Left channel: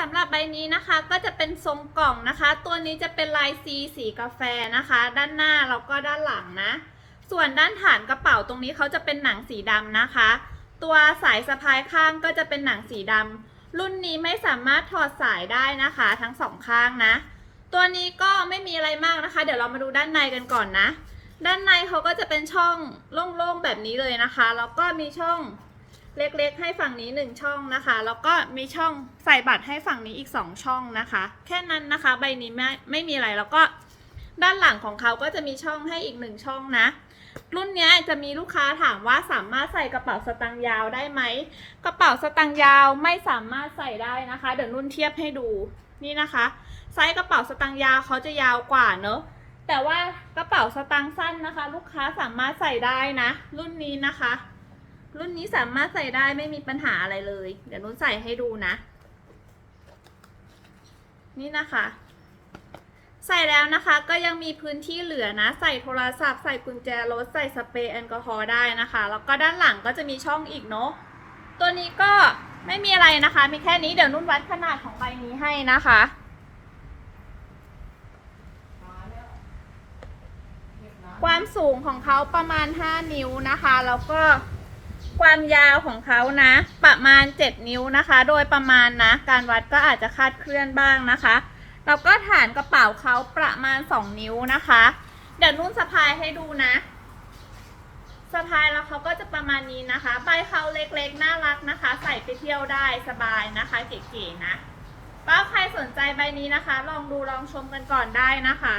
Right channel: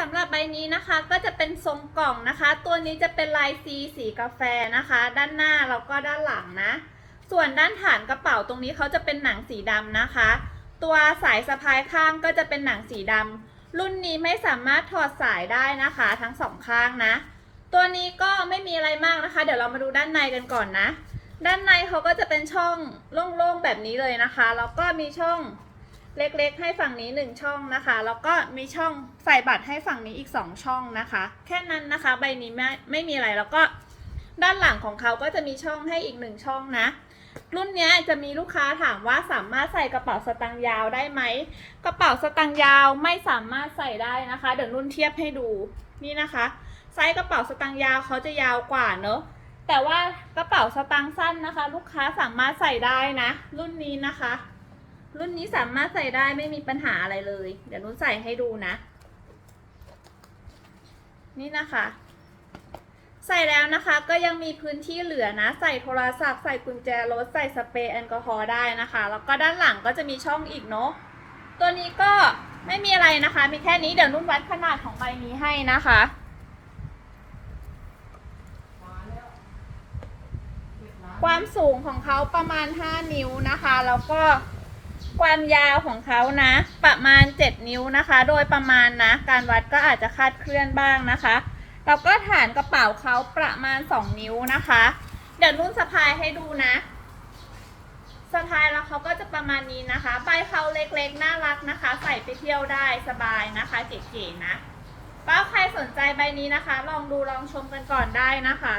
สำหรับใบนี้นะคะก็จะเป็นทรงกล่องนะคะ ตัวนี้จะเป็นลายซีสีกาแฟนะคะ ด้านหน้าแล้วก็ด้านหลังนะ ส่วนด้านฐานกระเป๋าตรงนี้เขาจะเป็นหนังสีดำนะคะ ตัวสายสะพายข้างก็จะเป็นหนังสีดำรุ่นนี้ไม่สามารถถอดสายได้นะคะ ทั้งสองข้างนะ ตัวนี้ก็ไม่มีอะไรมากนะคะ เดี๋ยวเรามาดูด้านในกันก่อนนะ ด้านในเขาก็จะเป็นช่องโล่งๆแบบนี้เลยนะคะแล้วก็มีช่อง เล็กๆ ให้ฝั่งนี้หนึ่งช่องนะคะ แล้วก็มีช่องใส่บัตรให้ฝั่งนี้อีกสองช่องนะคะ แค่นั้นนะคะใบนี้ไม่ไม่มีอะไรแล้วก็ด้านหลังของเขาก็จะมีช่องให้อีกหนึ่งช่องนะ รุ่นนี้จะมีลูกค้าถามว่าสามารถใส่กระเป๋าสตางค์ยาวได้ไหมกระเป๋าสตางค์ยาวไม่สามารถใส่ได้นะคะ เดี๋ยวนุ่นเทียบให้ดูนี่นะคะไซส์กระเป๋าสตางค์ยาวเขาจะยาวกว่าเนอะแต่ว่ากระเป๋าสตางค์สั้นนะคะ ลูกค้าสามารถใส่ได้นะ รุ่นนี้นะคะ รุ่นนี้สามารถใส่ได้ไม่มีปัญหาอะไรเลย เดี๋ยวนุ่นใส่ให้ดูนะ นี่นะคะ ใส่แล้วนะคะก็ยังมีพื้นที่เหลือนะ ใส่โทรศัพท์ใส่กุญแจรถใส่สเปรย์แอลกอฮอล์ได้นะคะ แล้วก็ด้านหลังก็จะมีช่องอีกเนาะตัวนี้ก็ไม่มีอะไรนะคะ มีแค่นี้เดี๋ยวนุ่นวัดขนาดของใบนี้ให้นะคะความสูงของเขาประมาณ 5 นิ้วนะคะ แล้วก็ ความยาวของเขานะ ประมาณ 7 นิ้วนะคะ โดยประมาณนะ การวัดก็อาจจะคาดเคลื่อนบ้างนะคะแล้วก็ฐานกระเป๋าเขาประมาณ 2 นิ้วนะคะ เดี๋ยวนุ่นสะพายให้ดูนะสะพายแล้วเขาก็จะประมาณนี้นะคะใบเขาเล็กๆ น่ารักนะคะ ใส่ไปเที่ยวได้สบายนะคะเก๋ๆนะก็ใครสนใจใบนี้นะคะ ลองดูลองชมกันก่อนได้นะคะ